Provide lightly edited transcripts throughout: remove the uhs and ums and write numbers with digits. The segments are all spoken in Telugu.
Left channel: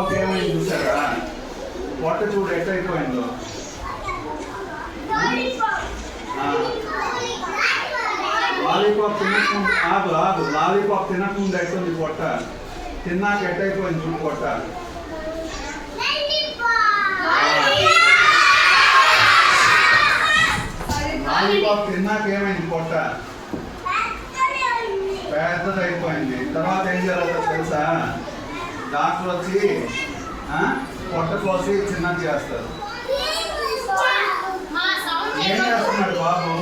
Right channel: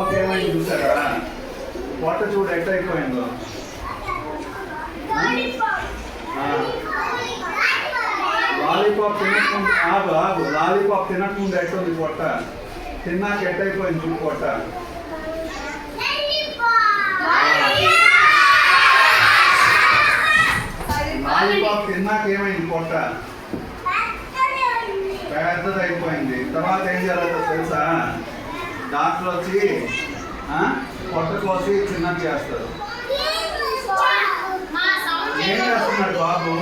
బాబుకి ఏమైంది చూసారా? పొట్ట చూడు ఎట్ట అయిపోయిందో. లాలీపాప్ తినకుండా ఆగు లాలీపాప్ తినకుండా ఎట్టుంది పొట్ట, తిన్నాక ఎట్టయిపోయింది చూడు పొట్ట. లాలీపాప్ తిన్నాక ఏమైంది పొట్ట? పెద్దది అయిపోయింది. తర్వాత ఏం జరుగుతుందో తెలుసా? డాక్టర్ వచ్చి పొట్ట కోసి చిన్నది చేస్తారు. ఏం చేస్తున్నాడు బాబు?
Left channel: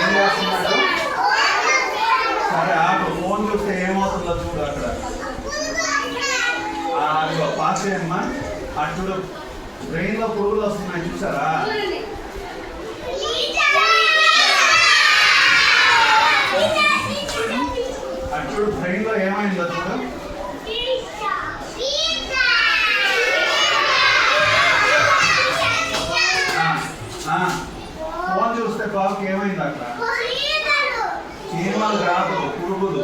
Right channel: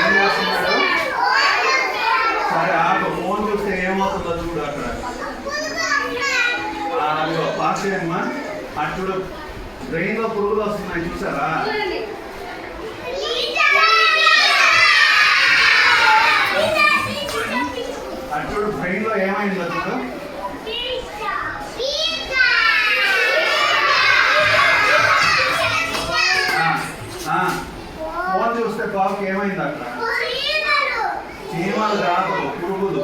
ఏం చేస్తున్నాడు? సరే ఆగు, ఫోన్ చూస్తే ఏమవుతుందో చూడు. అక్కడ పాస్ చేయమ్మా. అటు చూడు, బ్రెయిన్ లో పురుగులు వస్తున్నాయి చూసారా? అటు చూడు, బ్రెయిన్ లో ఏమైందో చూడు. ఫోన్ చూస్తే బాబుకి ఏమైంది? అక్కడ చీమలు కాదు, పురుగులు.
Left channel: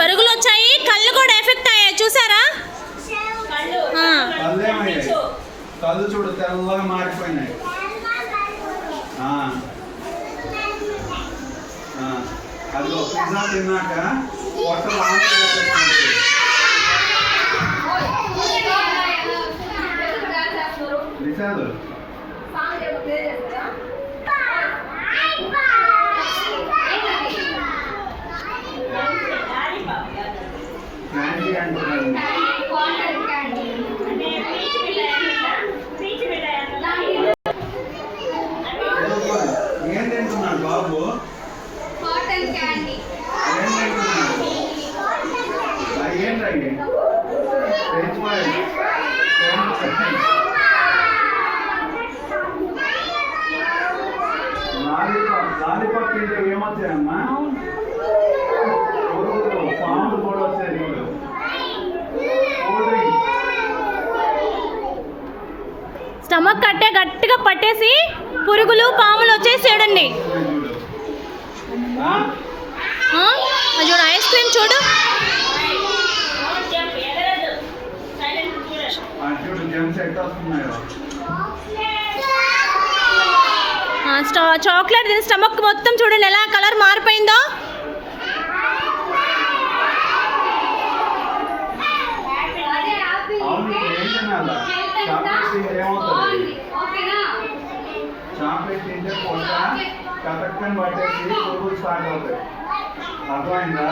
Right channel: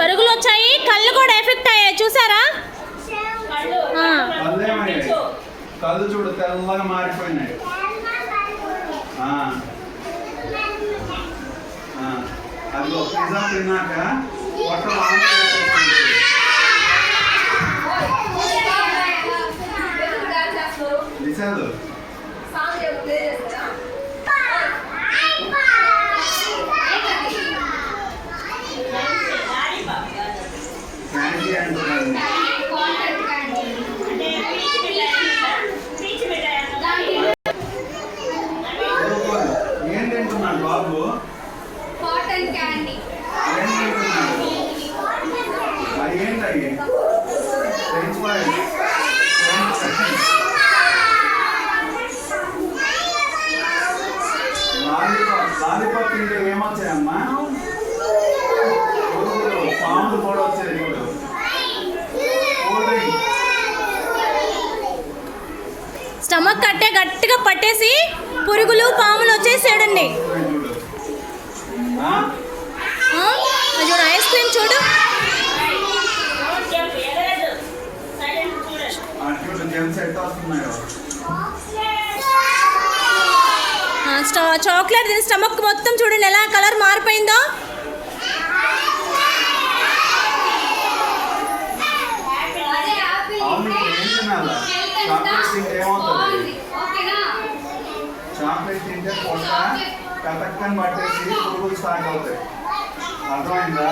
పరుగులు వచ్చాయి, కళ్ళు కూడా ఎఫెక్ట్ అయ్యాయి చూసారా? కళ్ళు చూడు తెల్లగా మారిపోయినాయి. అది పిజ్జా తిన్నాక పొట్ట నిజాలు ఏం తింటున్నాడు బాబు? లాలీపాప్ తింటే ఏమొచ్చాయమ్మా? పాములు కూడా వచ్చాయి చూడు. స్టమక్ కట్టే గట్టిగా పట్టేసి పురుగులు పాములు వచ్చేసి చూడండి. చూడు ఐస్ క్రీమ్ చూడు. చాక్లెట్ తిని స్టమక్ మొత్తం చూడండి ఎలా కలర్ మారిపోయిందో. చాక్లెట్ తింటే పొట్ట కథక్కని పట్టేసి పురుగులు స్టార్ట్ అవుతాయి. అర్థమైందా?